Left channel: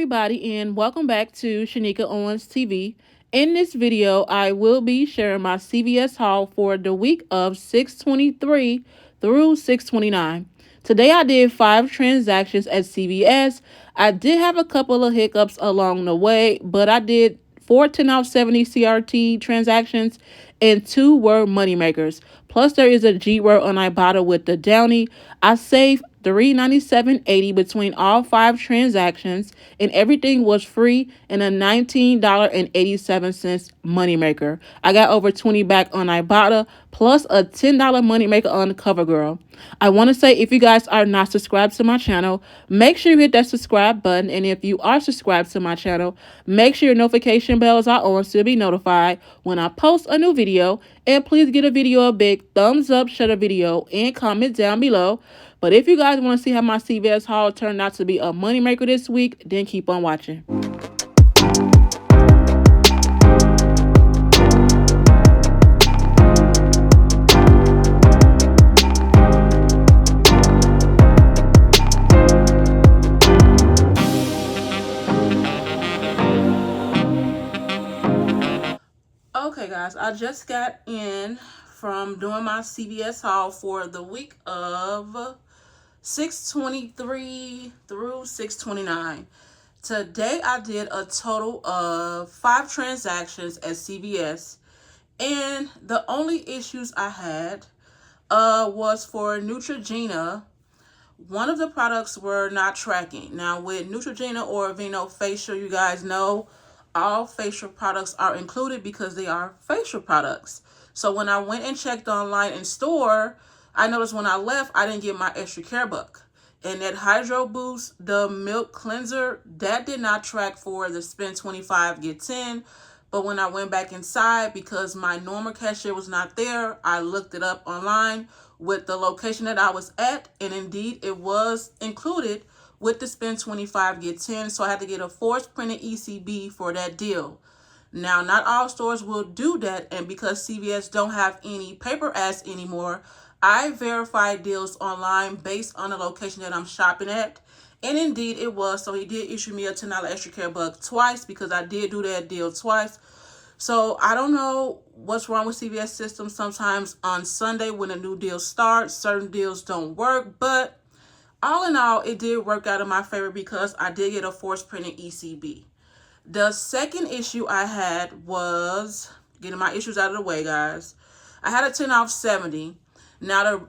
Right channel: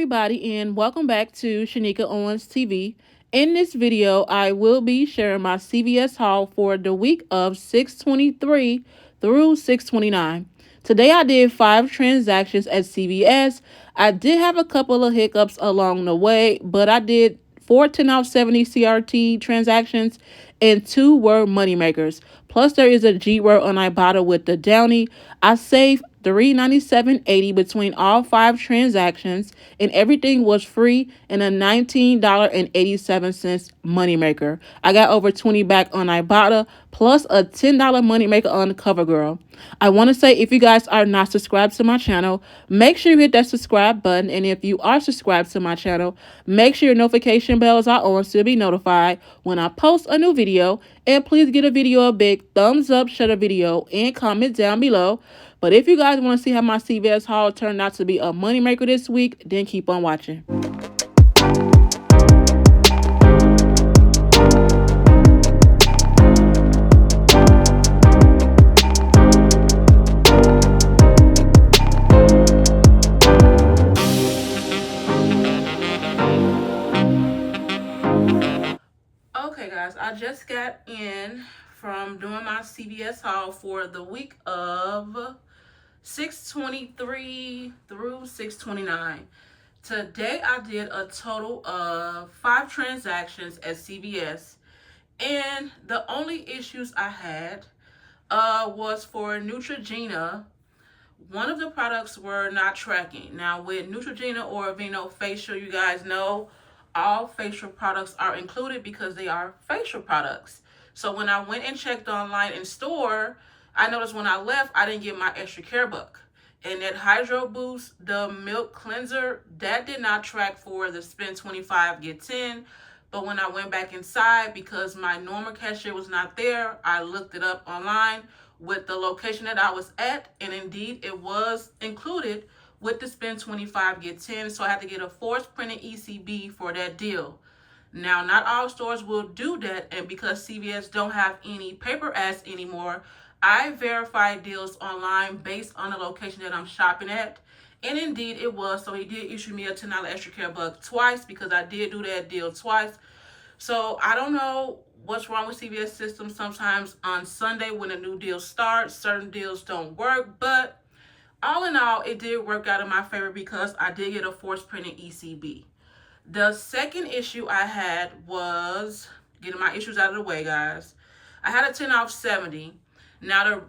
everybody, and welcome back to Shanika Owens TV. In this video, I will be sharing my CVS haul for the week of 6/23 through 6/29. Today I did 5 transactions at CVS. I did have a couple of hiccups along the way, but I did 4 10 off 70 CRT transactions and 2 were moneymakers. Plus there is a G word on Ibotta with the Downy. I saved $397.80 between all 5 transactions, and everything was free and a $19.87 moneymaker. I got over 20 back on Ibotta plus a $10 moneymaker on Covergirl. I want to say, if you guys are not subscribed to my channel, make sure you hit that subscribe button, and if you are subscribed to my channel, make sure your notification bells are on so you'll be notified when I post a new video. And please give a video a big thumbs up, share the video, and comment down below. But if you guys want to see how my CVS haul turned out to be a moneymaker this week, then keep on watching. Okay guys, I just got in from doing my CVS haul for the week of 6/23 through 6/29. Today I did a total of 5 transactions at CVS, and the only issues I had was for Neutrogena. One of the products were not tracking. Now with Neutrogena or Aveeno facial, you guys know all facial products are included because they are facial products. So when I went and checked online in store, I noticed when I left, I didn't get my extra care buck. And that Hydro Boost, the milk cleanser, that did not track for the spend 25, get 10. But when I went back inside, because my normal cashier was not there, I looked it up online with the location that I was at, and indeed it was included with the spend 25, get 10. So I had to get a force printed ECB for that deal. Now, not all stores will do that, and because CVS don't have any paper ads anymore, I verified deals online based on the location that I'm shopping at, and indeed it was. So he did issue me a $10 extra care buck twice because I did do that deal twice. So I don't know what's wrong with CVS system. Sometimes on Sunday when a new deal starts, certain deals don't work, but all in all, it did work out in my favor because I did get a force printed ECB. The second issue I had was getting my issues out of the way, guys. I had a 10 off 70. Now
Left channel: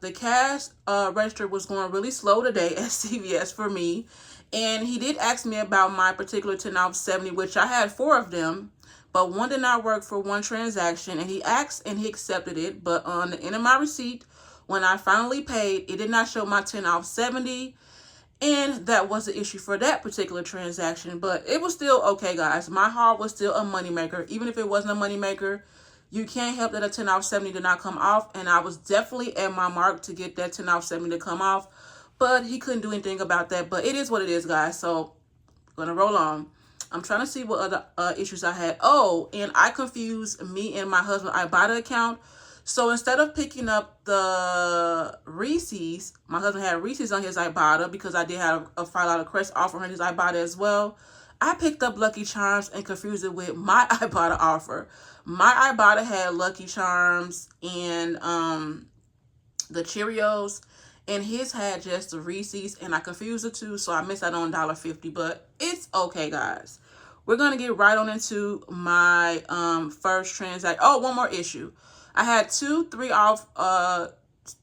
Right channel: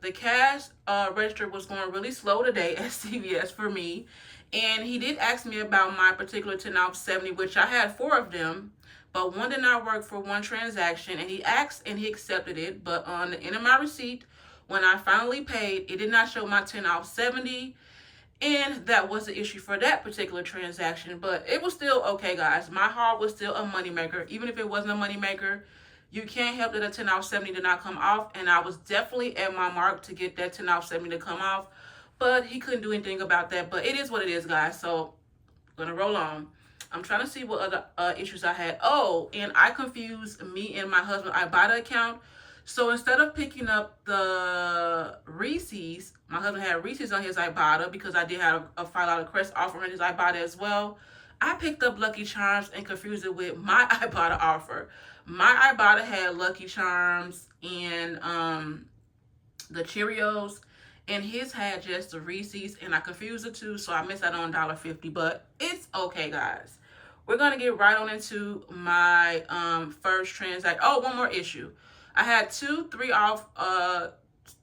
the cash register was going really slow today at CVS for me, and he did ask me about my particular 10 off 70, which I had 4 of them, but one did not work for one transaction, and he asked and he accepted it. But on the end of my receipt, when I finally paid, it did not show my 10 off 70, and that was the issue for that particular transaction. But it was still okay, guys. My haul was still a moneymaker. Even if it wasn't a moneymaker, you can't help that a 10 off 70 did not come off, and I was definitely at my mark to get that 10 off 70 to come off, but he couldn't do anything about that. But it is what it is, guys, so I'm gonna roll on. I'm trying to see what other issues I had. Oh, and I confused me and my husband Ibotta account. So instead of picking up the Reese's, my husband had Reese's on his Ibotta because I did have a $5 Crest offer on his Ibotta as well. I picked up Lucky Charms and confused it with my Ibotta offer. My Ibotta had Lucky Charms and the Cheerios, and his had just the Reese's, and I confused the two, so I missed out on $1.50, but it's okay, guys. We're going to get right on into my first transaction. Oh, one more issue. I had 2 3 off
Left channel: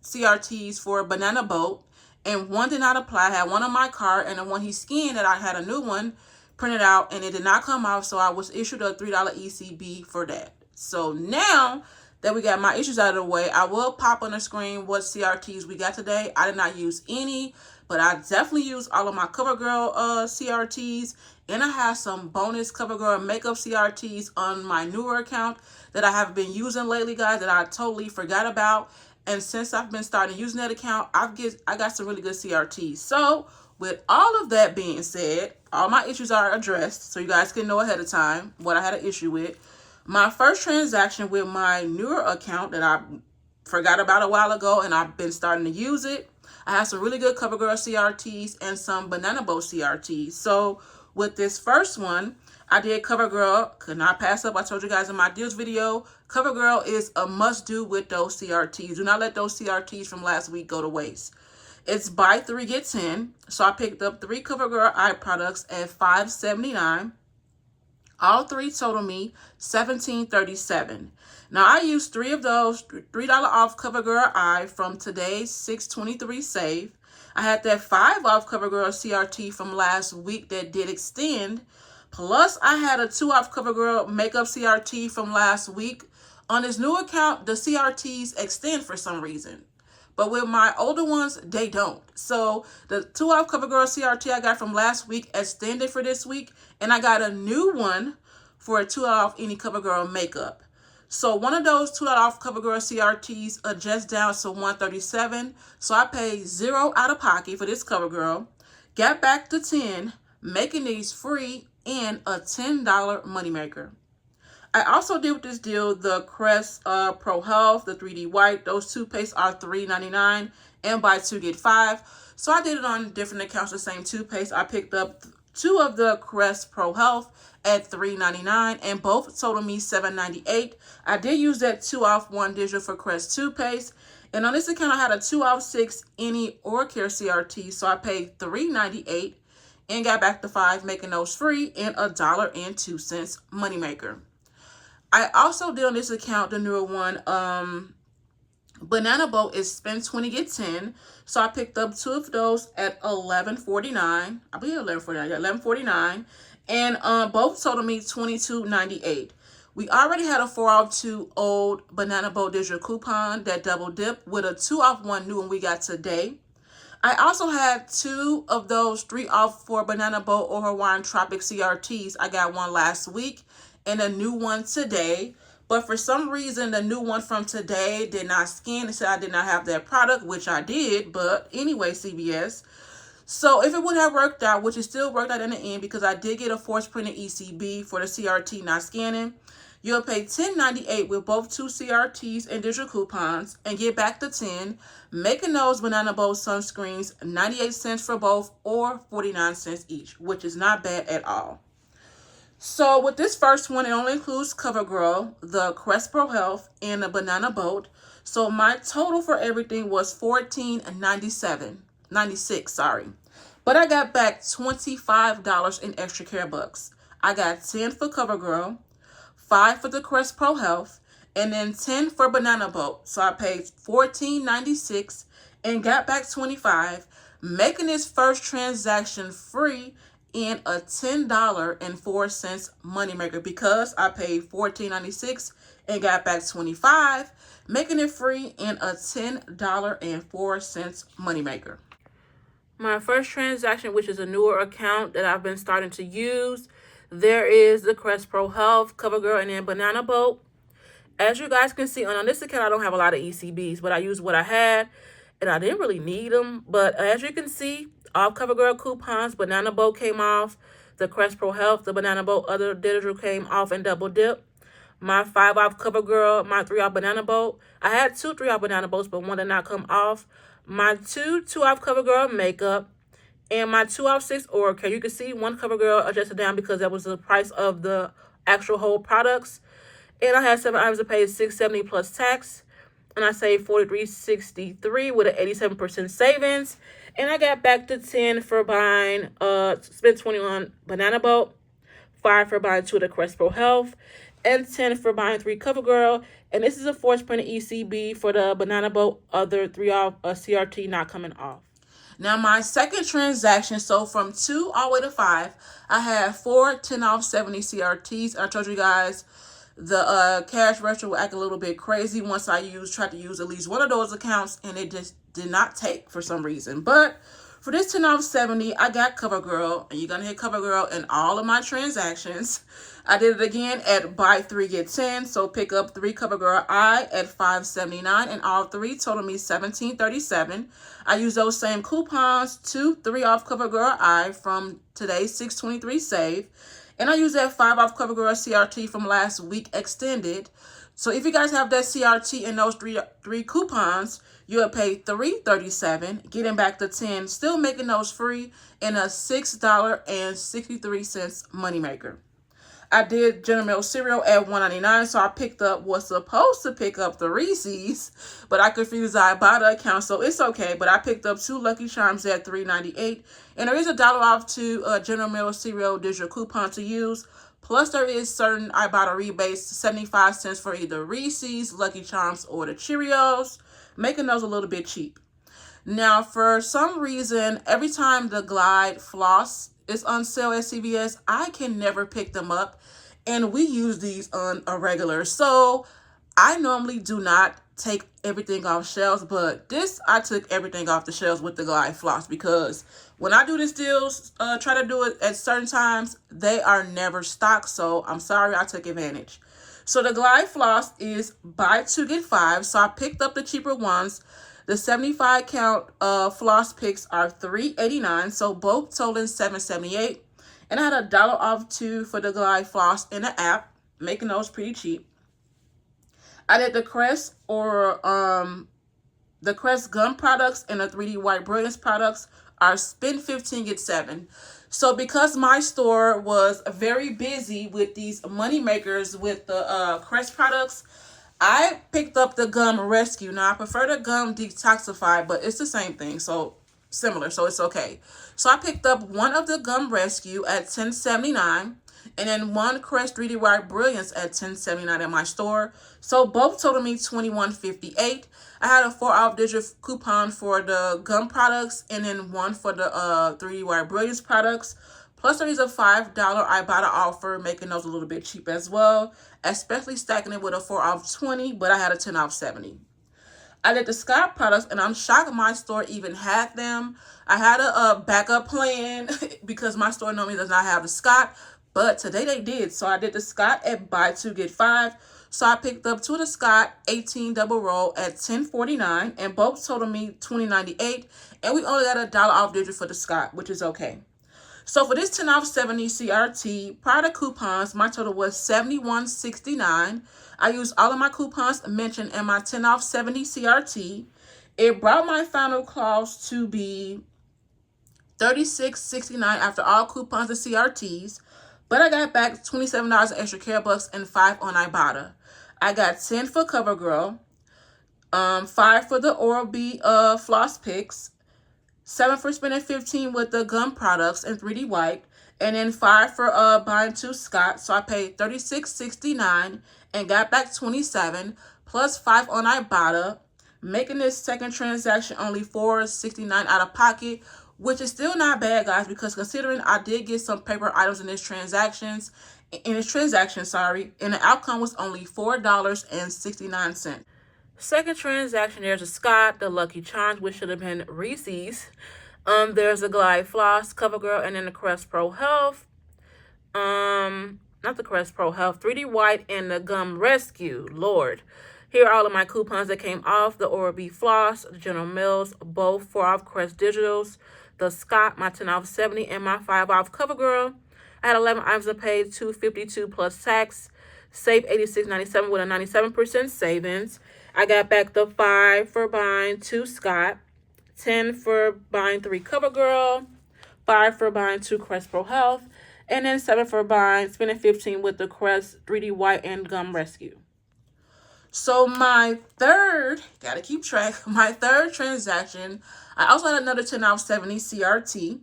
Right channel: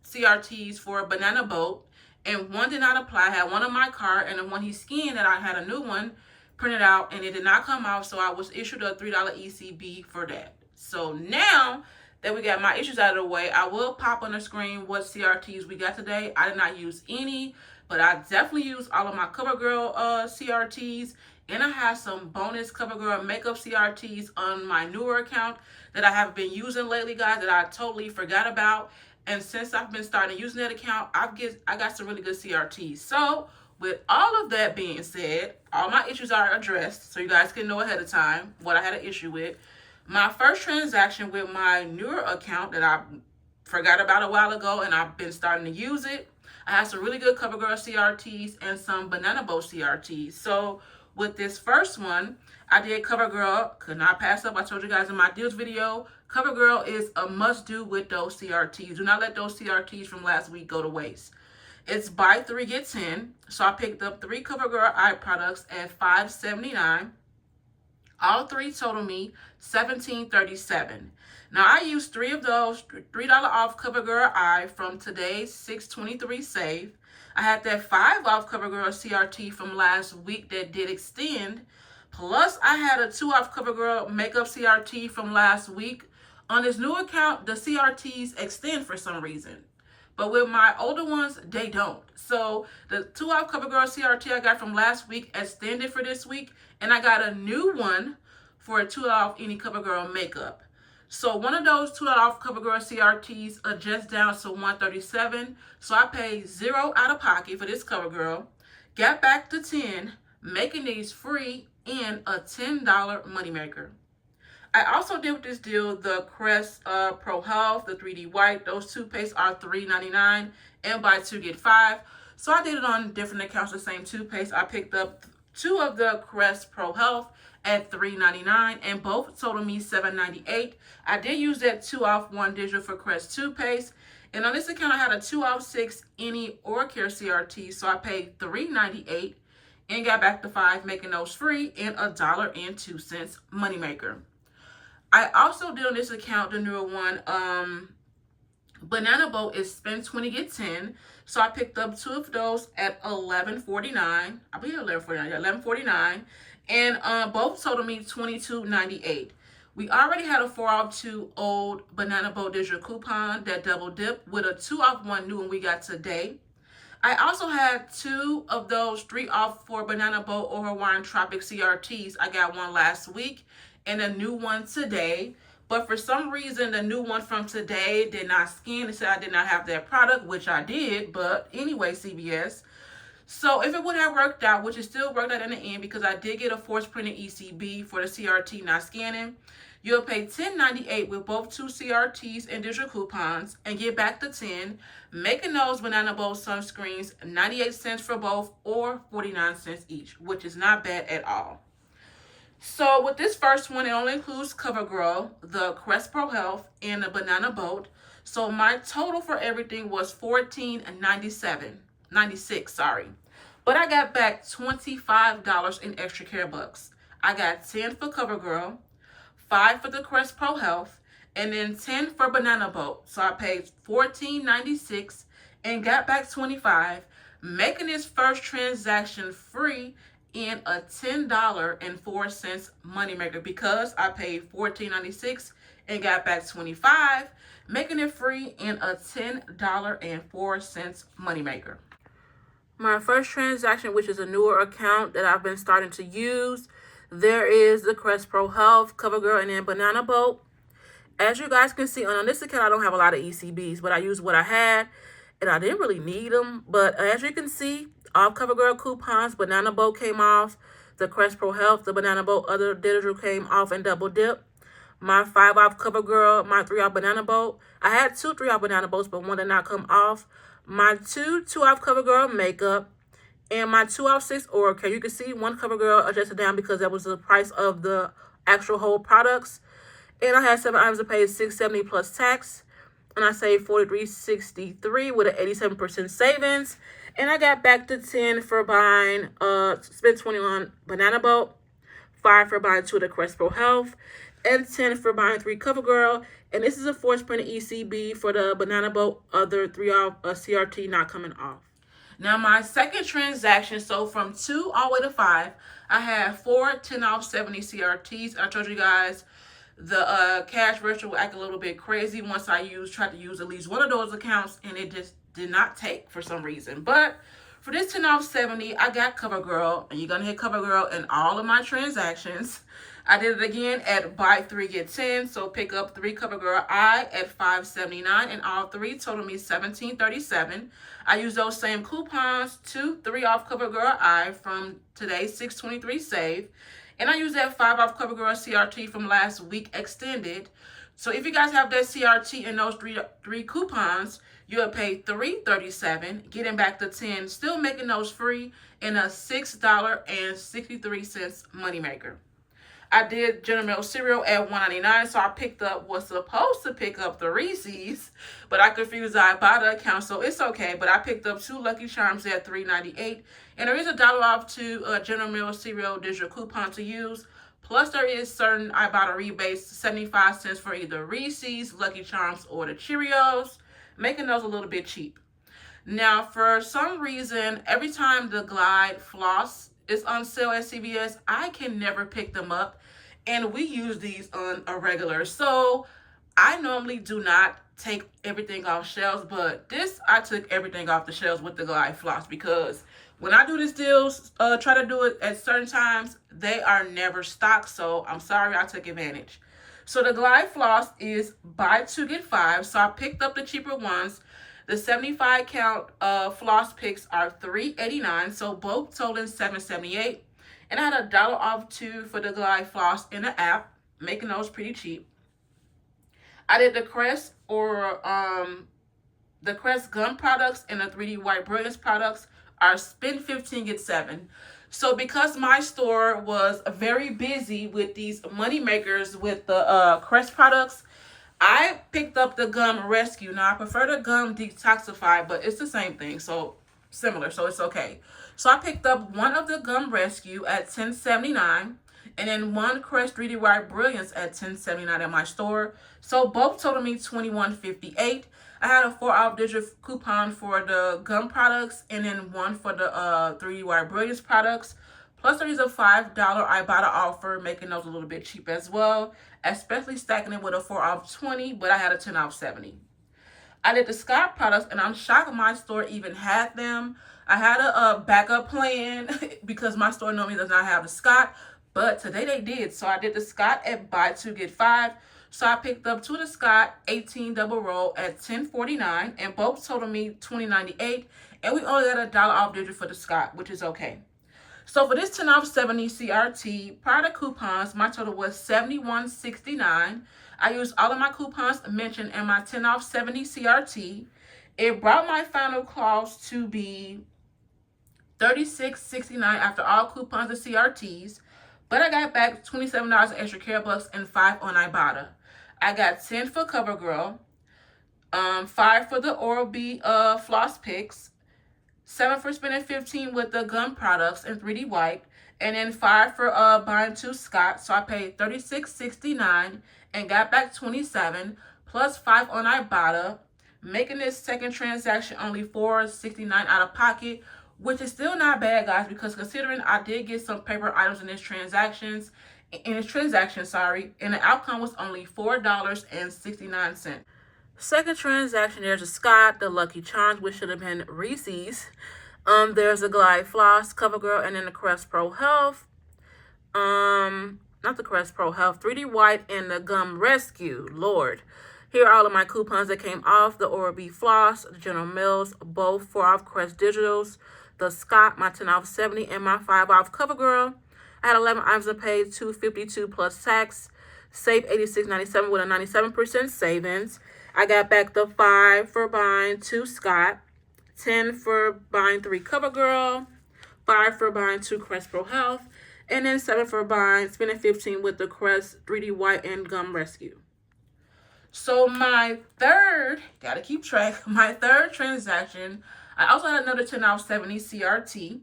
CRTs for a banana boat, and one did not apply. I had one on my cart, and the one he scanned that I had a new one printed out, and it did not come off, so I was issued a $3 ECB for that. So now that we got my issues out of the way, I will pop on the screen what CRTs we got today. I did not use any, but I definitely used all of my Covergirl CRTs, and I have some bonus Covergirl makeup CRTs on my newer account that I have been using lately, guys, that I totally forgot about. And since I've been starting using that account, I got some really good CRTs. So with all of that being said, all my issues are addressed, so you guys can know ahead of time what I had an issue with. My first transaction with my newer account that I forgot about a while ago, and I've been starting to use it, I have some really good CoverGirl CRTs and some Banana Boat CRTs. So with this first one, I did CoverGirl. Could not pass up. I told you guys in my deals video, CoverGirl is a must-do with those CRTs. Do not let those CRTs from last week go to waste. It's buy 3, get 10. So I picked up 3 CoverGirl eye products at $5.79. All 3 total me $17.37. Now I used 3 of those $3 off CoverGirl eye from today's $6.23 save. I had that 5 off CoverGirl CRT from last week that did extend. Plus I had a 2 off CoverGirl makeup CRT from last week. On this new account, the CRTs extend for some reason. But with my older ones, they don't. So the 2 off CoverGirl CRT I got from last week extended for this week. And I got a new one for a 2 off any CoverGirl makeup. So one of those 2 off CoverGirl CRTs adjusts down to $137. So I paid 0 out of pocket for this CoverGirl. Got back to 10, making these free and a $10 moneymaker. I also did with this deal the Crest Pro Health, the 3D White. Those toothpastes are $3.99 and buy 2 get 5. So I did it on different accounts, the same toothpaste. I picked up 2 of the Crest Pro Health at $3.99 and both totaled me $7.98. I did use that 2 off 1 digital for Crest toothpaste. And on this account, I had a 2 off 6 any oral care CRT. So I paid $3.98 and got back to 5, making those free and a $1.02 moneymaker. I also did on this account the newer one, Banana Boat is spend 20 get 10. So I picked up 2 of those at $11.49. I believe $11.49. Yeah, $11.49. And both totaled me $22.98. We already had a 4 off 2 old Banana Boat digital coupon that double dipped with a 2 off 1 new one we got today. I also had 2 of those 3 off 4 Banana Boat or Hawaiian Tropic CRTs. I got one last week and a new one today. But for some reason, the new one from today did not scan. It said I did not have that product, which I did. But anyway, CVS. So if it would have worked out, which it still worked out in the end because I did get a force printed ECB for the CRT not scanning, you'll pay $10.98 with both 2 CRTs and digital coupons and get back to 10, making those Banana Boat sunscreens 98 cents for both or 49 cents each, which is not bad at all. So with this first one, it only includes CoverGirl, the Crest Pro Health, and the Banana Boat. So my total for everything was $14.96, sorry. But I got back $25 in extra care bucks. I got 10 for CoverGirl, 5 for the Crest Pro Health, and then 10 for Banana Boat. So I paid $14.96 and got back $25, making this first transaction free and a $10.04 moneymaker because I paid $14.96 and got back $25, making it free and a $10.04 moneymaker. My first transaction, which is a newer account that I've been starting to use, there is the Crest Pro Health, CoverGirl, and then Banana Boat. As you guys can see, on this account, I don't have a lot of ECBs, but I used what I had, and I didn't really need them. But as you can see, all CoverGirl coupons, Banana Boat came off, the Crest Pro Health, the Banana Boat other digital came off and double dip. My 5 off CoverGirl, my 3 off Banana Boat. I had 2 3 off Banana Boats, but one did not come off. My 2 off CoverGirl makeup, and my 2 off 6 oral care. You can see one CoverGirl adjusted down because that was the price of the actual whole products. And I had 7 items to pay $6.70 plus tax. And I saved $43.63 with an 87% savings. And I got back to 10 for buying, spent 20 on Banana Boat, 5 for buying 2 of the Crest Pro Health, and 10 for buying 3 CoverGirl. And this is a force printed ECB for the Banana Boat, other 3 off CRT not coming off. Now my second transaction, so from 2 all the way to 5, I had 4 10 off 70 CRTs. I told you guys the cash register will act a little bit crazy once I tried to use at least one of those accounts, and it just did not take for some reason. But for this 10 off 70, I got CoverGirl, and you're going to hit CoverGirl in all of my transactions. I did it again at buy 3 get 10, so pick up 3 CoverGirl eye at $5.79, and all 3 total me $17.37. I used those same coupons, 2 3 off CoverGirl eye from today's $6.23 save. And I used that 5 off CoverGirl CRT from last week extended. So if you guys have that CRT and those three coupons, you'll pay $3.37, getting back the 10, still making those free, and a $6.63 moneymaker. I did General Mills cereal at $1.99, so I picked up, was supposed to pick up the Reese's, but I confused the Ibotta account, so it's okay. But I picked up 2 Lucky Charms at $3.98, and there is $1 off to General Mills cereal digital coupon to use. Plus, there is certain Ibotta rebates, 75 cents for either Reese's, Lucky Charms, or the Cheerios, making those a little bit cheap. Now, for some reason, every time the Glide Floss is on sale at CVS, I can never pick them up, and we use these on a regular. So I normally do not take everything off shelves, but this, I took everything off the shelves with the Glide Floss, because when I do this deals, try to do it at certain times, they are never stocked, so I'm sorry I took advantage. So the Glide Floss is buy 2 get 5, so I picked up the cheaper ones. The 75 count floss picks are $3.89, so both totaling $7.78. And I had $1 off too for the Glide Floss in the app, making those pretty cheap. I did the Crest the Crest gum products and the 3D White Brilliance products are spend 15 get 7. So because my store was very busy with these money makers with the Crest products, I picked up the gum rescue. Now, I prefer the gum detoxify, but it's the same thing, so similar, so it's okay. So I picked up one of the gum rescue at $10.79, and then one Crest 3D White Brilliance at $10.79 at my store. So both totaled me $21.58. I had a 4-off digital coupon for the gum products, and then one for the 3D White Brilliance products. Plus, there is a $5 Ibotta offer, making those a little bit cheap as well, especially stacking it with a 4-off 20, but I had a 10-off 70. I did the Scott products, and I'm shocked my store even had them. I had a backup plan because my store normally does not have the Scott, but today they did. So I did the Scott at buy 2 get 5. So I picked up 2 of the Scott 18 double roll at $10.49, and both totaled me $20.98, and we only got a $1 off digital for the Scott, which is okay. So for this 10 off 70 CRT, prior to coupons, my total was $71.69. I used all of my coupons mentioned in my 10 off 70 CRT. It brought my final cost to be $36.69 after all coupons and CRTs, but I got back $27 extra care bucks and 5 on Ibotta. I got 10 for Covergirl, 5 for the Oral-B floss picks, 7 for spending 15 with the gum products and 3D White, and then 5 for buying 2 Scott. So I paid $36.69 and got back 27 plus 5 on Ibotta, making this second transaction only $4.69 out of pocket, which is still not bad, guys, because considering I did get some paper items in this transaction, and the outcome was only $4.69. Second transaction, there's a Scott, the Lucky Charms, which should have been Reese's. There's a Glide Floss, Covergirl, and then the Crest Pro Health. Not the Crest Pro Health, 3D White, and the Gum Rescue. Lord. Here are all of my coupons that came off. The Oral-B Floss, the General Mills, both 4-off Crest Digitals. The Scott, my 10 off 70, and my 5 off Covergirl. I had 11 items to pay, $252 plus tax. Save $86.97 with a 97% savings. I got back the 5 for buying 2 Scott, 10 for buying 3 Covergirl, 5 for buying 2 Crest Pro Health, and then 7 for buying, spending 15 with the Crest 3D White and Gum Rescue. So my third, gotta keep track, my third transaction, I also had another 10 off 70 CRT.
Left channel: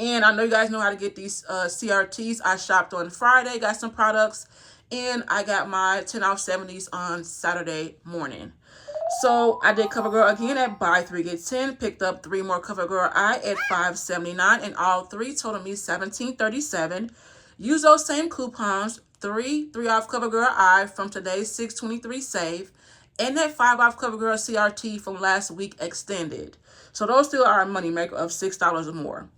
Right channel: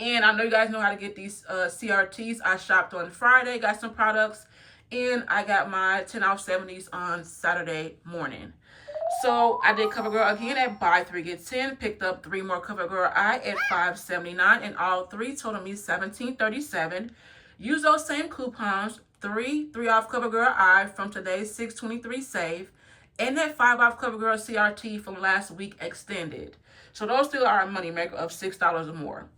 And I know you guys know how to get these CRTs. I shopped on Friday, got some products, and I got my 10 off 70s on Saturday morning. So I did Covergirl again at buy 3 get 10, picked up 3 more Covergirl I at $5.79, and all 3 totaled me $17.37. Use those same coupons, 3 off Covergirl I from today's $6.23 save, and that 5 off Covergirl CRT from last week extended. So those still are a moneymaker of $6 or more.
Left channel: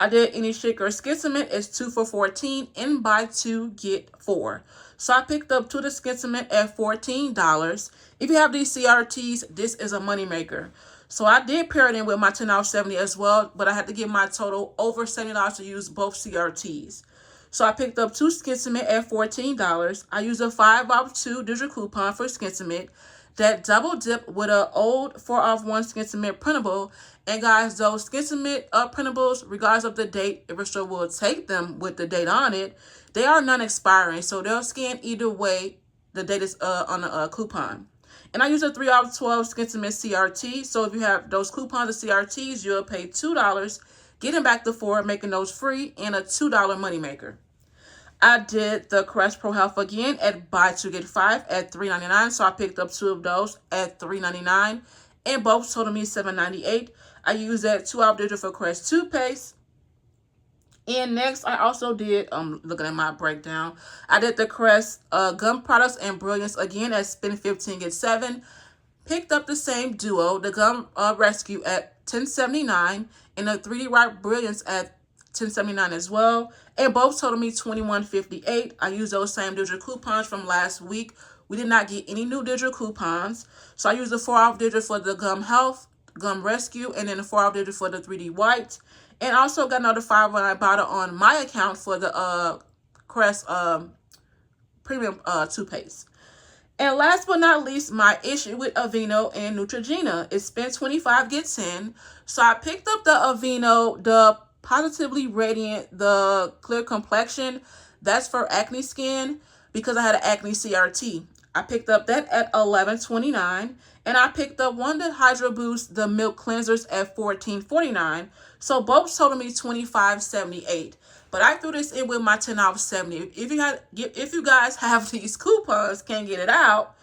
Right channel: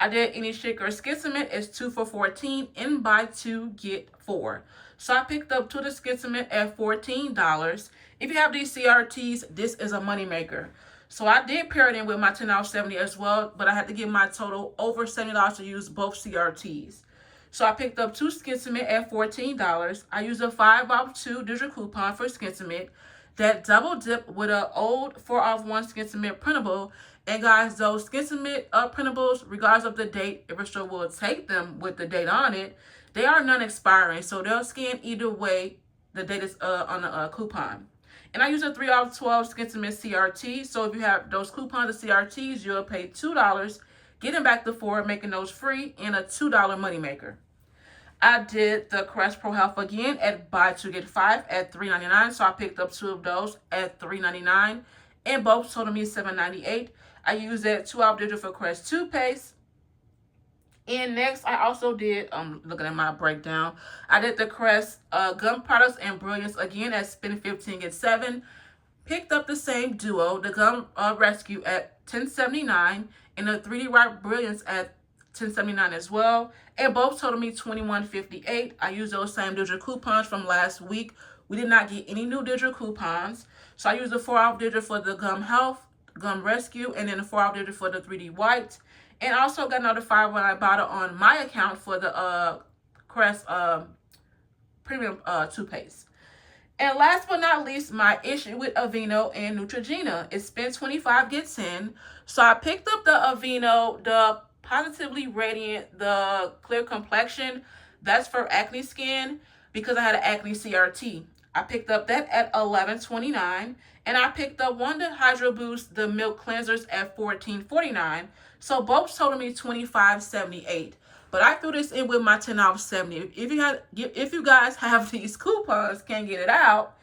I did any shake or skid-cement is 2 for $14 and buy 2 get 4. So I picked up 2 of the skid-cement at $14. If you have these CRTs, this is a moneymaker. So I did pair it in with my 10 off 70 as well, but I had to get my total over $70 to use both CRTs. So I picked up 2 skid-cement at $14. I used a 5 off 2 digital coupon for skid-cement. that double dip with an old 4 off 1 Skin Cement printable. And guys, those Skin Cement printables, regardless of the date, every store will take them with the date on it. They are non-expiring, so they'll scan either way the date is on the coupon. And I use a 3 off 12 Skin Cement CRT. So if you have those coupons of CRTs, you'll pay $2, getting back the 4, making those free, and a $2 moneymaker. I did the Crest Pro Health again at buy 2 get 5 at $3.99. So I picked up 2 of those at $3.99, and both totaled me $7.98. I used that 2 off digital for Crest toothpaste. And next, I also did, looking at my breakdown, I did the Crest gum products and Brilliance again at spend 15 get 7. Picked up the same duo, the gum rescue at $10.79, and the 3D Rock Brilliance at $10.79 as well. And both totaled me $21.58. I used those same digital coupons from last week. We did not get any new digital coupons. So I used the 4 off digital for the Gum Health, Gum Rescue, and then the 4 off digital for the 3D White. And also got notified when I bought it on my account for the Crest Premium toothpaste. And last but not least, my issue with Aveeno and Neutrogena. It's spend 25 get 10. So I picked up the Aveeno, the Positively Radiant, the clear complexion. That's for acne skin because I had an acne CRT. I picked up that at $11.29. And I picked up one the Hydro Boost, the milk cleansers at $14.49. So both totaled me $25.78. But I threw this in with my 10 off 70. If you guys have these coupons, can't get it out,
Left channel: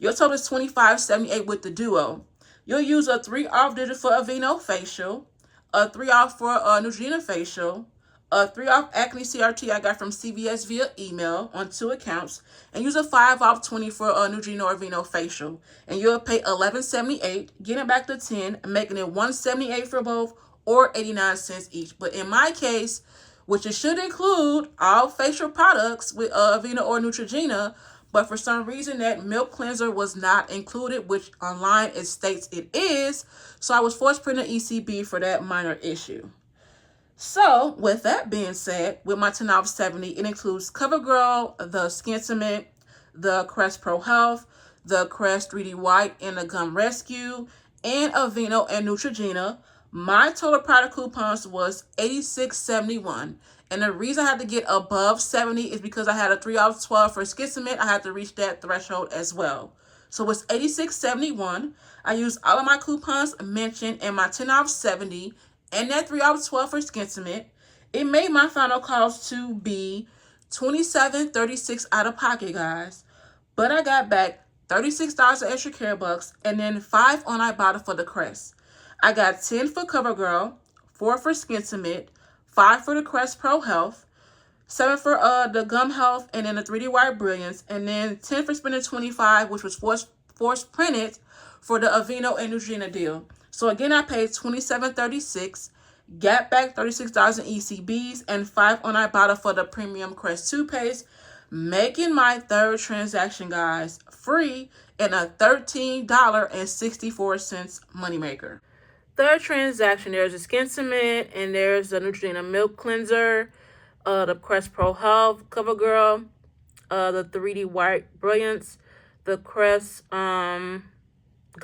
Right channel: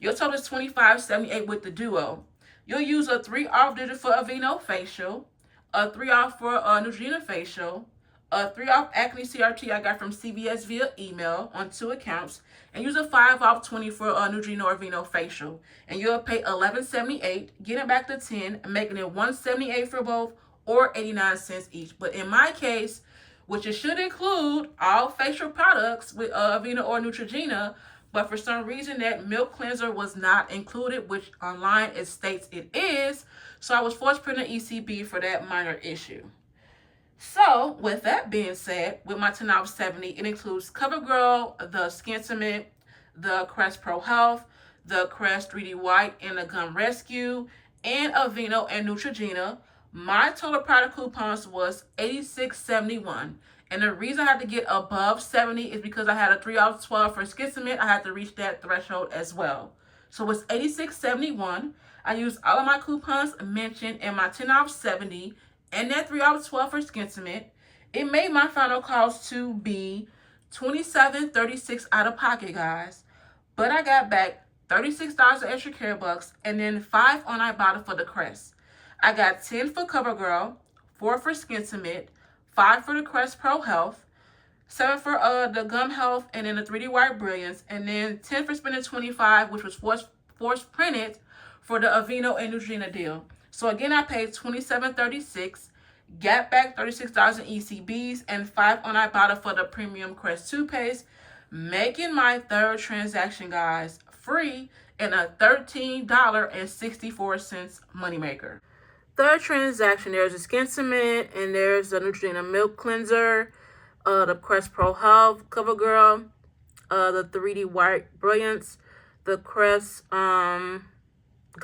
your total is $25.78 with the duo. You'll use a 3 off digital for Aveeno facial, a 3 off for Neutrogena facial, a 3 off acne CRT I got from CVS via email on 2 accounts, and use a 5 off 20 for Neutrogena or Aveeno facial. And you'll pay $11.78, getting back to 10, making it $178 for both, or 89 cents each. But in my case, which it should include all facial products with Aveeno or Neutrogena, but for some reason that milk cleanser was not included, which online it states it is, so I was forced to print an ECB for that minor issue. So with that being said, with my 10 off 70, it includes Covergirl, the Skin Cement, the Crest Pro Health, the Crest 3D White, and the Gum Rescue, and Aveeno and Neutrogena. My total product coupons was $86.71. And the reason I had to get above 70 is because I had a 3 off 12 for Skin Cement. I had to reach that threshold as well. So it's $86.71. I used all of my coupons mentioned in my 10 off 70 and that 3 off 12 for Skin Cement. It made my final cost to be $27.36 out of pocket, guys. But I got back $36 of extra care bucks and then 5 on Ibotta for the Crest. I got 10 for Covergirl, 4 for Skin Cement, 5 for the Crest Pro Health, 7 for the Gum Health, and then the 3D White Brilliance, and then 10 for spending 25, which was forced printed for the Aveeno and Neutrogena deal. So again, I paid $27.36, got back $36 in ECBs, and 5 on Ibotta for the Premium Crest toothpaste, making my third transaction, guys, free and a $13.64 moneymaker. Third transaction, there's a Skin Cement, and there's the Neutrogena Milk Cleanser, the Crest Pro Health, Covergirl, the 3D White Brilliance, the Crest Gum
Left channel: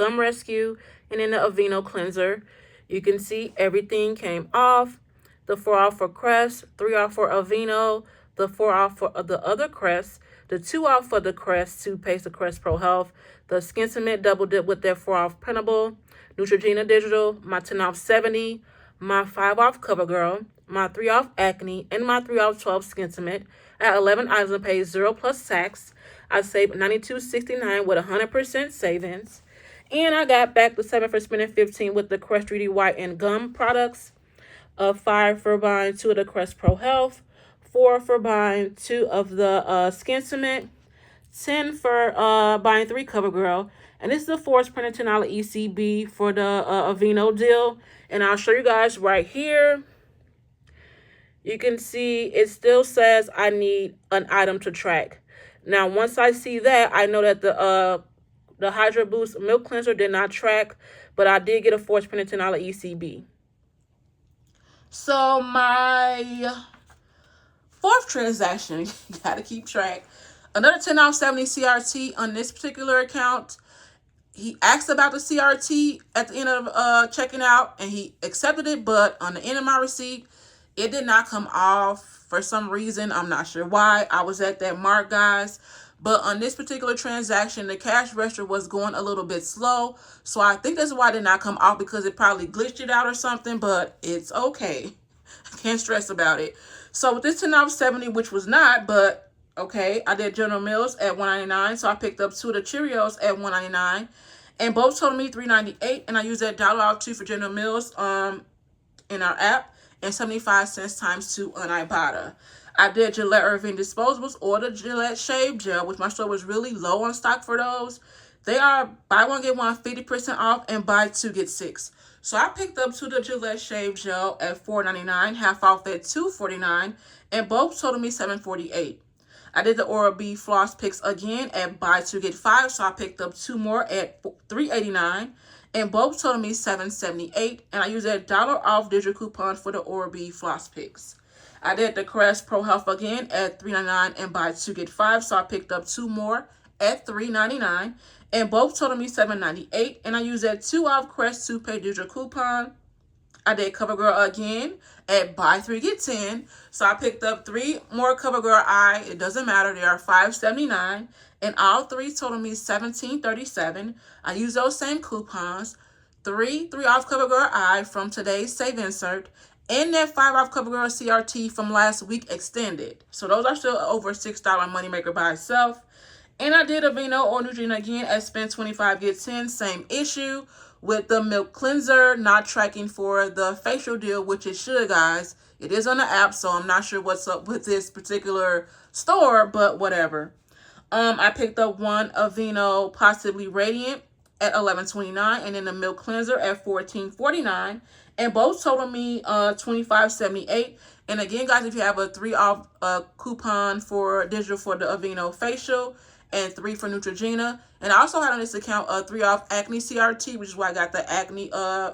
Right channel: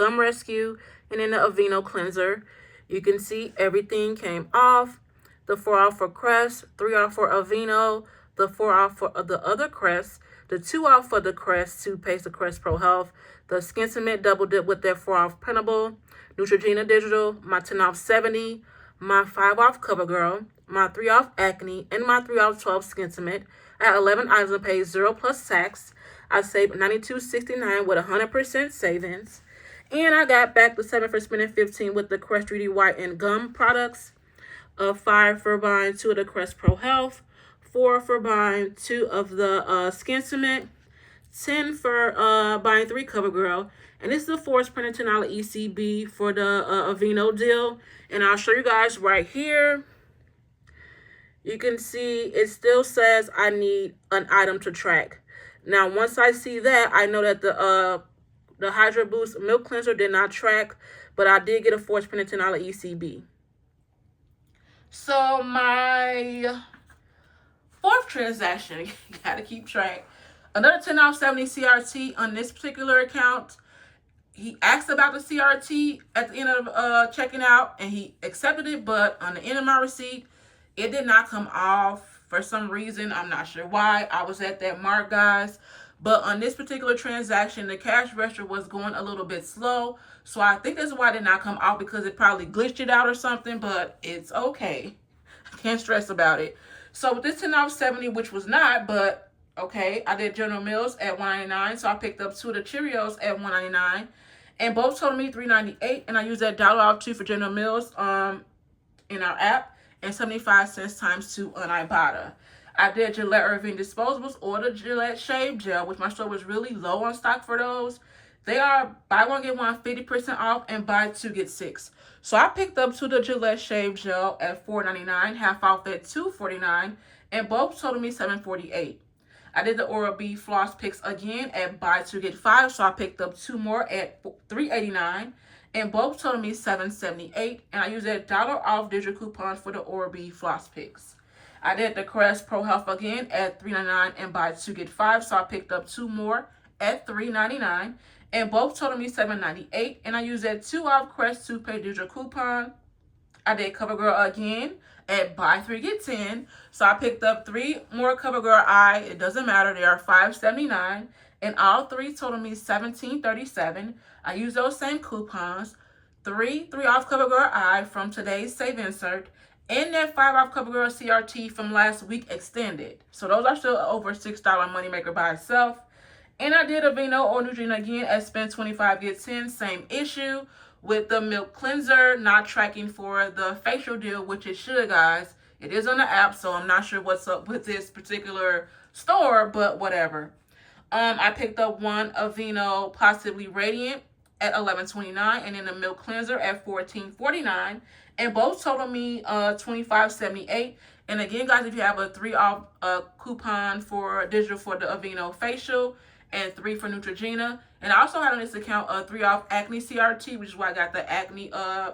Rescue, and then the Aveeno Cleanser. You can see everything came off. The 4 off for Crest, 3 off for Aveeno, the 4 off for the other Crest, the 2 off for the Crest toothpaste, the Crest Pro Health, the Skin Cement double dip with their 4 off printable, Neutrogena Digital, my 10 off 70, my 5 off Covergirl, my 3 off Acne, and my 3 off 12 Skin Cement. I had 11 items and paid 0 plus tax. I saved $92.69 with 100% savings. And I got back the 7 for spending 15 with the Crest 3D White and Gum products. 5 for buying 2 of the Crest Pro Health. 4 for buying 2 of the Skin Cement. 10 for buying 3 Covergirl. And this is the forced printed $10 ECB for the Aveeno deal. And I'll show you guys right here. You can see it still says I need an item to track. Now, once I see that, I know that the Hydro Boost Milk Cleanser did not track, but I did get a forced printed $10 ECB. So my fourth transaction, you gotta keep track. Another 10 off 70 CRT on this particular account. he asked about the CRT at the end of checking out, and he accepted it, but on the end of my receipt, it did not come off for some reason. I'm not sure why. I was at that mark, guys. But on this particular transaction, the cash register was going a little bit slow. So I think that's why it did not come off, because it probably glitched it out or something, but it's okay. I can't stress about it. So with this 10 off 70, which was not, but okay, I did General Mills at $1.99. So I picked up 2 of the Cheerios at $1.99. And both totaled me $3.98. And I used that dollar off too for General Mills in our app, and 75 cents times 2 on Ibotta. I did Gillette Irving disposables or the Gillette shave gel, which my store was really low on stock for those. They are buy one get one 50% off, and buy 2 get 6. So I picked up 2 of the Gillette shave gel at $4.99, half off at $2.49, and both totaled me $7.48. I did the Oral-B floss picks again at buy 2 get 5, so I picked up 2 more at $3.89. And both totaled me $7.78, and I used that dollar off digital coupon for the Oral-B floss picks. I did the Crest Pro Health again at $3.99 and buy 2 get 5, so I picked up 2 more at $3.99, and both totaled me $7.98, and I used that 2 off Crest toothpaste digital coupon. I did Covergirl again at buy 3 get 10, so I picked up 3 more Covergirl eye. It doesn't matter, they are $5.79, and all 3 totaled me $17.37. I used those same coupons, 3 off Covergirl eye from today's save insert, and that 5 off Covergirl CRT from last week extended. So those are still over $6 moneymaker by itself. And I did Aveeno or Neutrogena again at spend 25 get 10, same issue with the milk cleanser not tracking for the facial deal, which it should, guys. It is on the app, so I'm not sure what's up with this particular store, but whatever. I picked up 1 Aveeno Possibly Radiant at $11.29, and then the milk cleanser at $14.49, and both totaled me $25.78. And again, guys, if you have a 3 off coupon for digital for the Aveeno facial and 3 for Neutrogena, and I also had on this account a 3 off acne CRT, which is why I got the acne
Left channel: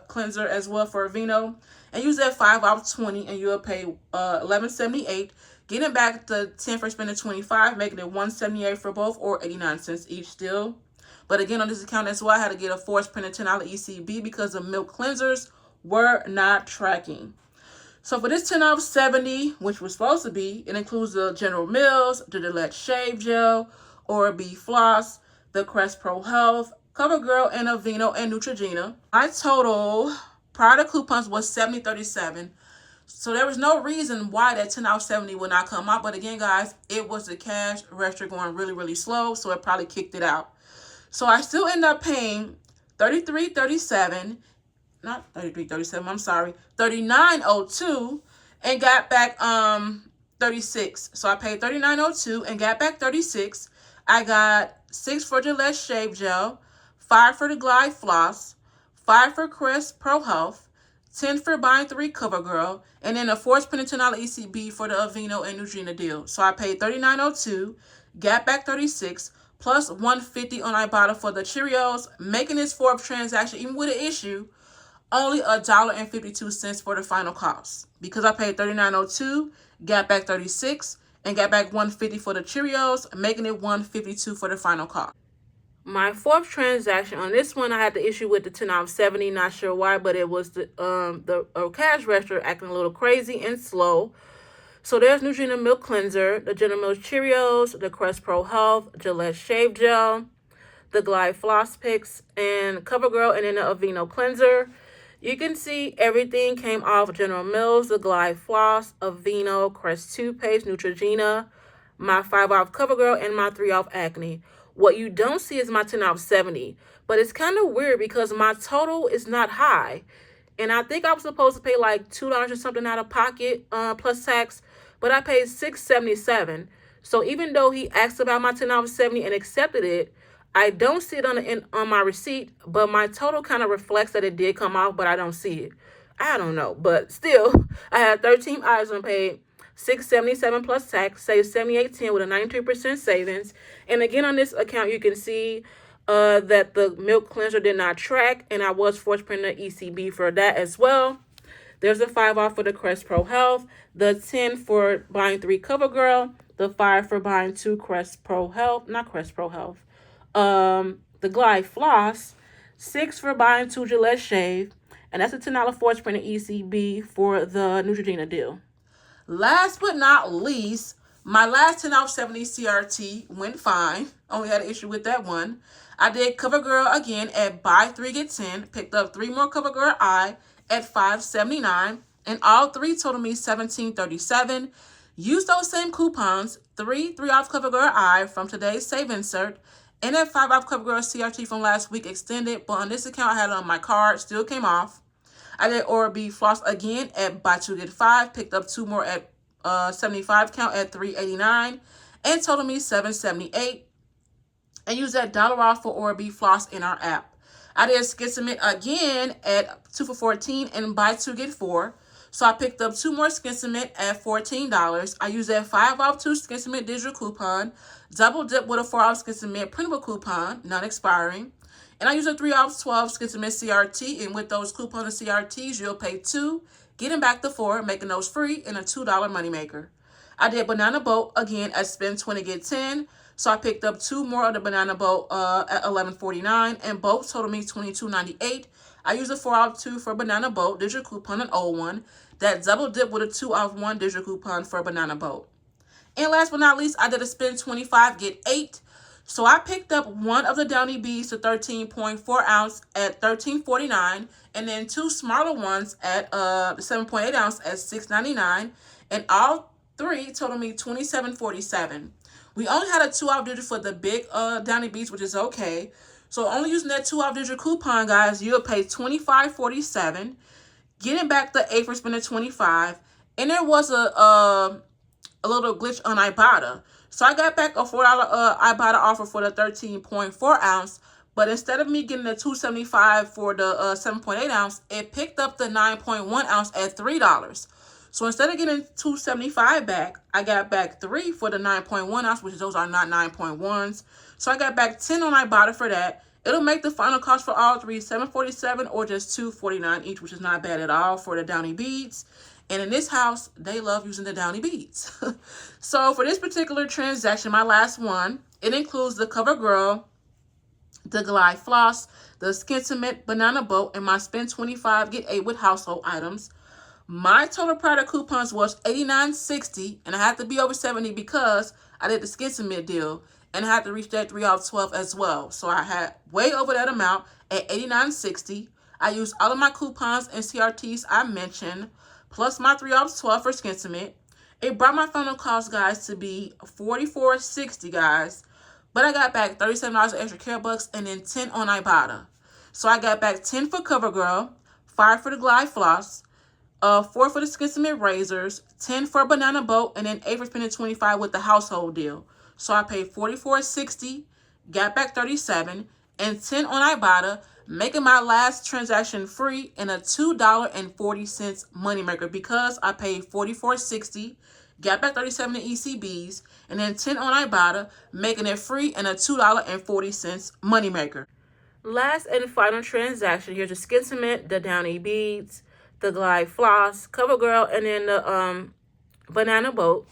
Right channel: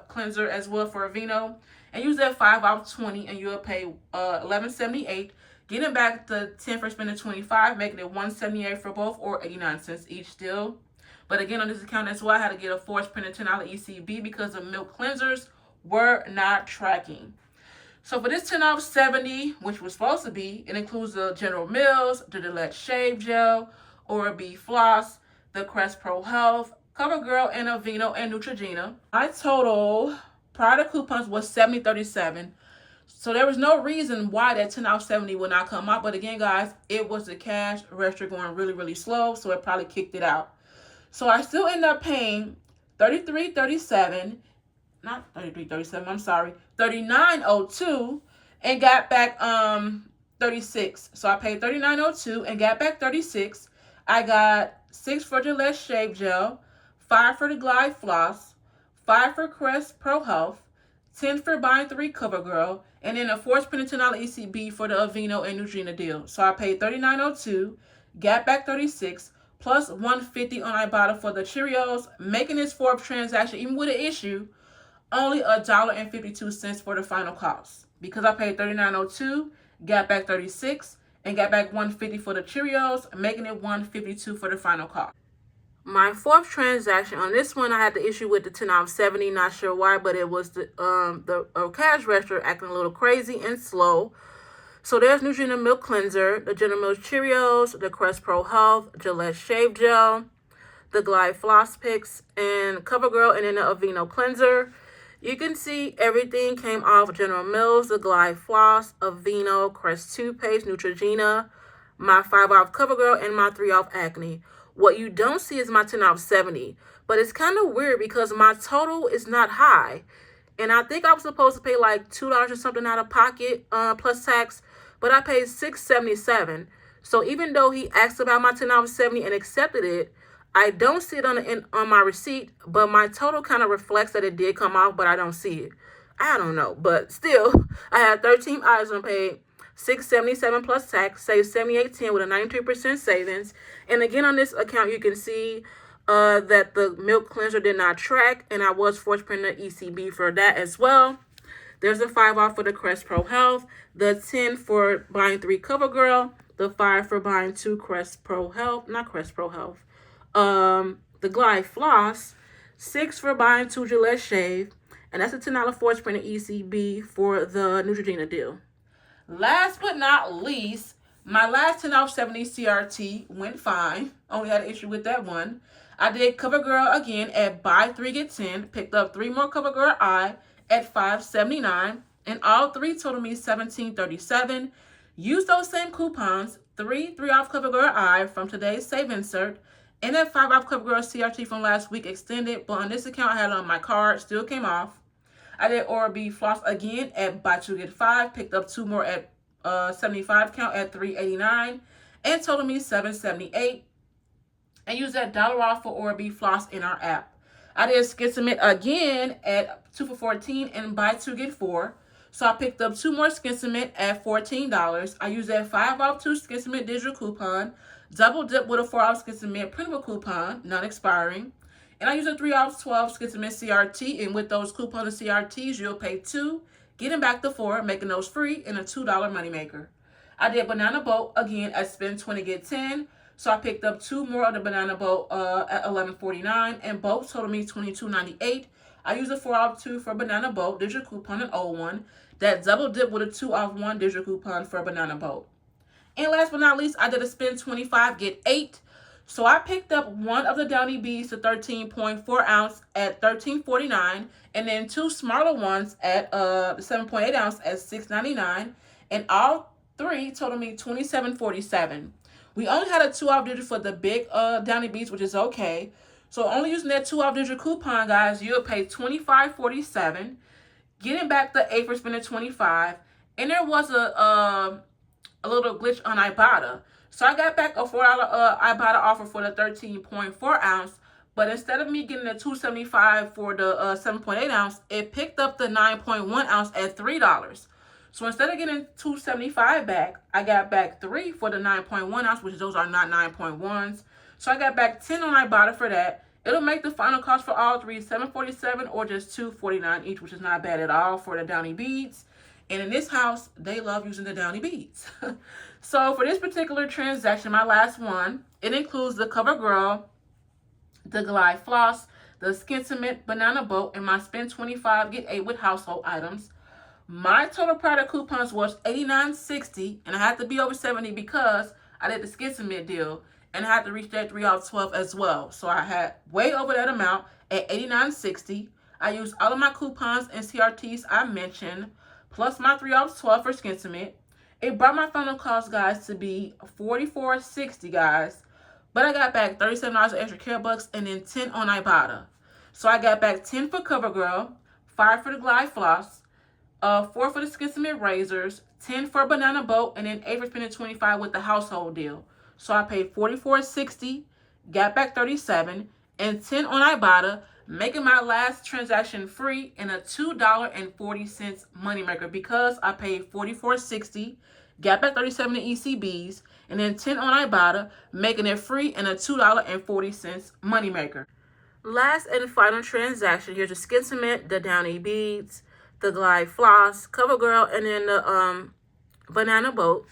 cleanser as well for Aveeno, and use that 5 off 20, and you'll pay $11.78. Getting back the 10 for spending 25, making it $1.78 for both, or 89 cents each still. But again, on this account as well, I had to get a force printed $10 ECB because the milk cleansers were not tracking. So for this 10 off 70, which was supposed to be, it includes the General Mills, the Gillette shave gel, Oral-B floss, the Crest Pro Health, Covergirl, and Aveeno and Neutrogena. My total prior to coupons was $70.37. So there was no reason why that 10 off 70 would not come out. But again, guys, it was the cash register going really, really slow, so it probably kicked it out. So I still end up paying $33.37, not $33.37, I'm sorry, $39.02, and got back $36. So I paid $39.02 and got back $36. I got 6 for Gillette shave gel, 5 for the Glide floss, 5 for Crest Pro Health, 10 for buying 3 Covergirl, and then a force printed $10 ECB for the Aveeno and Neutrogena deal. So I paid $39.02, got back $36, plus $150 on Ibotta for the Cheerios, making this 4th transaction, even with an issue, only $1.52 for the final cost. Because I paid $39.02, got back $36, and got back $150 for the Cheerios, making it $152 for the final cost. My 4th transaction, on this one, I had the issue with the 10 off 70, not sure why, but it was the cash register acting a little crazy and slow. So there's Neutrogena Milk Cleanser, the General Mills Cheerios, the Crest Pro Health, Gillette Shave Gel, the Glide Floss Picks, and Covergirl, and then the Aveeno Cleanser. You can see everything came off General Mills, the Glide Floss, Aveeno, Crest Toothpaste, Neutrogena, my 5 off Covergirl, and my 3 off Acne. What you don't see is my 10 off 70, but it's kind of weird because my total is not high. And I think I was supposed to pay like $2 or something out of pocket plus tax, but I paid $6.77. So even though he asked about my 10 off 70 and accepted it, I don't see it on my receipt, but my total kind of reflects that it did come off, but I don't see it. I don't know, but still, I had 13 items and paid $6.77 plus tax, saved $78.10 with a 93% savings. And again, on this account, you can see that the milk cleanser did not track, and I was force printing the ECB for that as well. There's a 5 off for the Crest Pro Health, the 10 for buying 3 Covergirl, the 5 for buying 2 Crest Pro Health, not Crest Pro Health, the Glide Floss, 6 for buying 2 Gillette Shave, and that's a $10 force print ECB for the Neutrogena deal. Last but not least, my last 10 off 70 CRT went fine. Only had an issue with that one. I did Covergirl again at buy 3 get 10. Picked up 3 more Covergirl eye at $5.79. And all 3 totaled me $17.37. Use those same coupons, 3 off Covergirl eye from today's save insert, and that 5 off Covergirl CRT from last week extended. But on this account, I had it on my card, still came off. I did Oral-B floss again at buy 2 get 5. Picked up 2 more at 75 count at $3.89 and total me $7.78. And use that dollar off for Oral-B floss in our app. I did Skid Cement again at 2 for $14 and buy 2 get 4. So I picked up 2 more Skin Cement at $14. I used that 5 off 2 Skin Cement digital coupon, double dip with a 4 off Skin Cement printable coupon, non-expiring. And I use a 3 off 12 Skin Cement CRT, and with those coupons and CRTs, you'll pay 2, getting back the 4, making those free, and a $2 moneymaker. I did Banana Boat again at spend 20 get 10. So I picked up 2 more of the Banana Boat at $11.49, and both totaled me $22.98. I used a 4 off 2 for Banana Boat digital coupon, an old one. That double dip with a 2 off 1 digital coupon for Banana Boat. And last but not least, I did a spend 25 get 8. So I picked up 1 of the Downy Bees to 13.4 ounce at $13.49, and then 2 smaller ones at 7.8 ounce at $6.99, and all 3 totaled me $27.47. We only had a 2 off digital for the big Downy Bees, which is okay. So only using that 2 off digital coupon, guys, you'll pay $25.47, getting back the 8 for spending 25. And there was a little glitch on Ibotta. So I got back a $4 Ibotta offer for the 13.4 ounce, but instead of me getting the $2.75 for the 7.8 ounce, it picked up the 9.1 ounce at $3. So instead of getting $2.75 back, I got back 3 for the 9.1 ounce, which those are not 9.1s. So I got back 10 on Ibotta for that. It'll make the final cost for all 3 $7.47 or just $2.49 each, which is not bad at all for the Downy Beads. And in this house, they love using the Downy Beads. So for this particular transaction, my last one, it includes the Covergirl, the Glide Floss, the Skin Cement Banana Boat, and my spend 25 get 8 with household items. My total product coupons was $89.60, and I had to be over 70 because I did the Skin Cement deal, and I had to reach that 3 off 12 as well. So I had way over that amount at $89.60. I used all of my coupons and CRTs I mentioned, plus my 3 off 12 for Skin Cement. It brought my final cost, guys, to be $44.60, guys. But I got back $37 of extra care bucks and then 10 on Ibotta. So I got back 10 for Covergirl, 5 for the Glide Floss, 4 for the Skin Cement razors, 10 for Banana Boat, and then 8 for spending 25 with the household deal. So I paid $44.60, got back 37, and 10 on Ibotta, making my last transaction free and a $2.40 moneymaker because I paid $44.60, got back 37 in ECBs, and then 10 on Ibotta, making it free and a $2.40 moneymaker. Last and final transaction, here's the Skin Cement, the Downy Beads, the Glide Floss, Covergirl, and then the Banana Boat.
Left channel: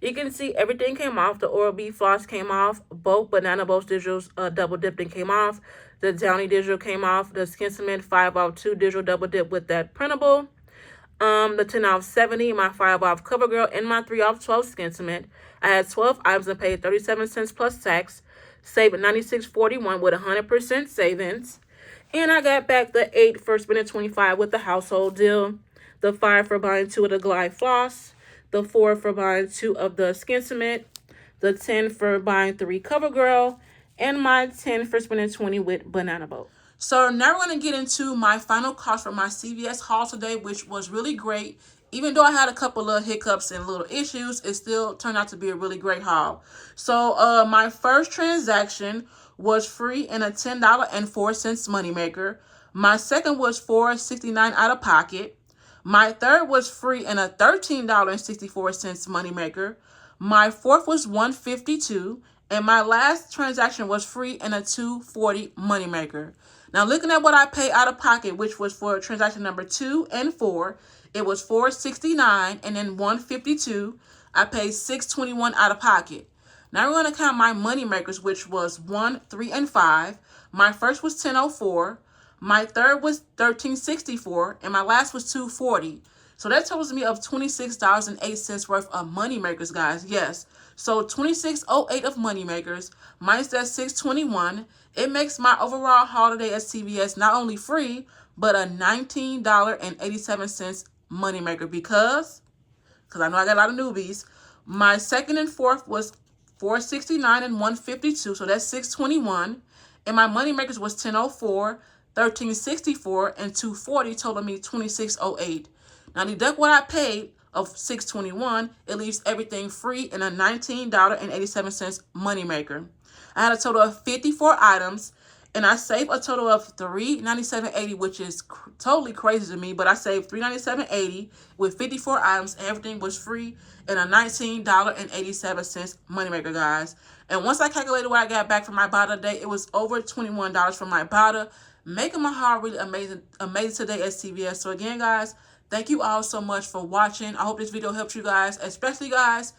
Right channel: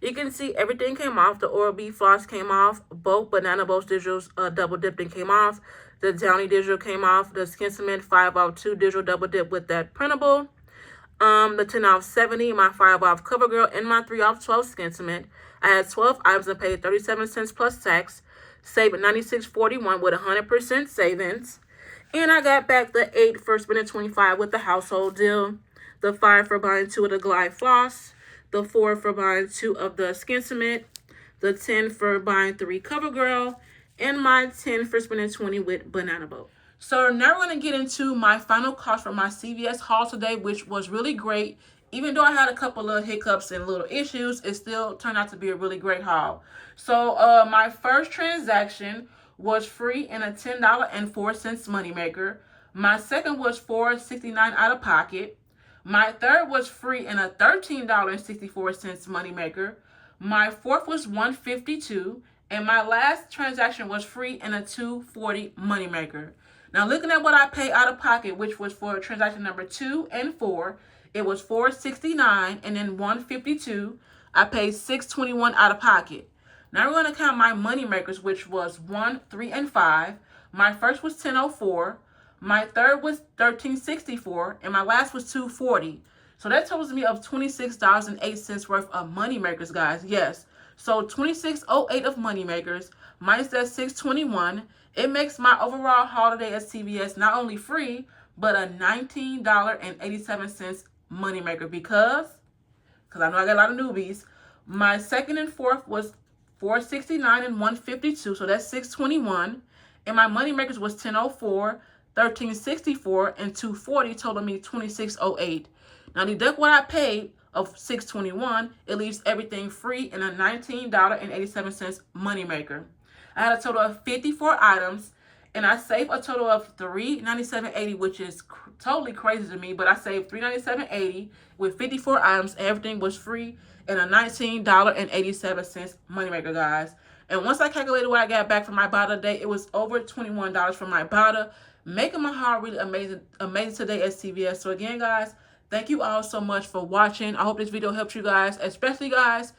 You can see everything came off. The Oral-B floss came off. Both Banana Boat digitals double dipped and came off. The Downy digital came off. The Skin Cement 5 off 2 digital double dip with that printable. The 10 off 70, my 5 off Covergirl, and my 3 off 12 Skin Cement. I had 12 items and paid 37 cents plus tax. Saving $96.41 with 100% savings. And I got back the 8 for spending 25 with the household deal. The 5 for buying 2 of the Glide Floss. The 4 for buying 2 of the Skin Cement. The 10 for buying 3 Covergirl. And my 10 for spending 20 with Banana Boat. So now we're going to get into my final cost for my CVS haul today, which was really great. Even though I had a couple of hiccups and little issues, it still turned out to be a really great haul. So my first transaction was free and a $10.04 moneymaker. My second was $4.69 out of pocket. My third was free and a $13.64 moneymaker. My fourth was $1.52. And my last transaction was free and a $2.40 moneymaker. Now looking at what I paid out of pocket, which was for transaction number 2 and 4, it was $4.69 and then $1.52. I paid $6.21 out of pocket. Now we're going to count my money makers, which was 1, 3, and 5. My first was 10.04. My third was 13.64, and my last was 2.40. So that totals me of $26.08 worth of money makers, guys. Yes. So 26.08 of money makers minus that 6.21. It makes my overall holiday at CVS not only free, but a $19.87 money maker because I know I got a lot of newbies. My second and fourth was 469 and 152, so that's 621. And my money makers was 1004, 1364, and 240, total me 2608. Now deduct what I paid of 621, it leaves everything free in a $19.87 money maker. I had a total of 54 items, and I saved a total of $397.80, which is totally crazy to me, but I saved $397.80 with 54 items, and everything was free and a $19.87 moneymaker, guys. And once I calculated what I got back from my Ibotta today, it was over $21 from my Ibotta, making my haul really amazing today at CVS. So again, guys, thank you all so much for watching. I hope this video helps you guys, especially guys.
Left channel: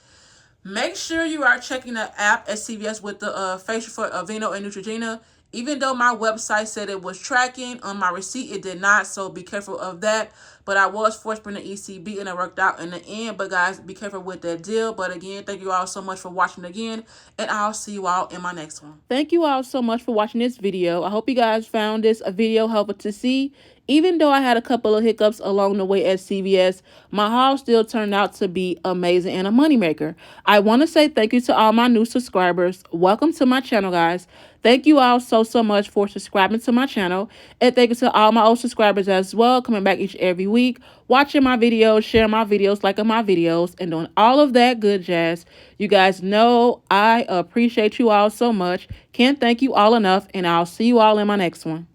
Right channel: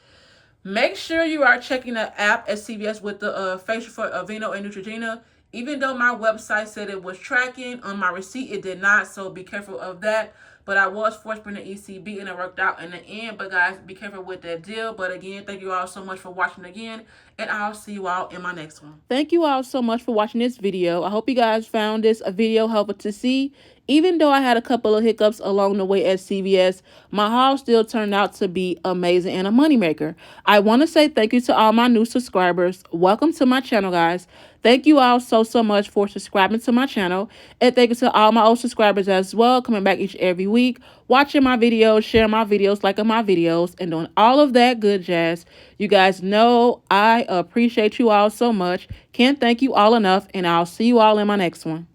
Make sure you are checking the app at CVS with the facial for Domino and Neutrogena. Even though my website said it was tracking, on my receipt it did not, so be careful of that. But I was forced to bring the ECB, and it worked out in the end. But guys, be careful with that deal. But again, thank you all so much for watching again, and I'll see you all in my next one. Thank you all so much for watching this video. I hope you guys found this a video helpful to see. Even though I had a couple of hiccups along the way at CVS, my haul still turned out to be amazing and a moneymaker. I want to say thank you to all my new subscribers. Welcome to my channel, guys. Thank you all so much for subscribing to my channel. And thank you to all my old subscribers as well, coming back each every week, watching my videos, sharing my videos, liking my videos, and doing all of that good jazz. You guys know I appreciate you all so much. Can't thank you all enough, and I'll see you all in my next one.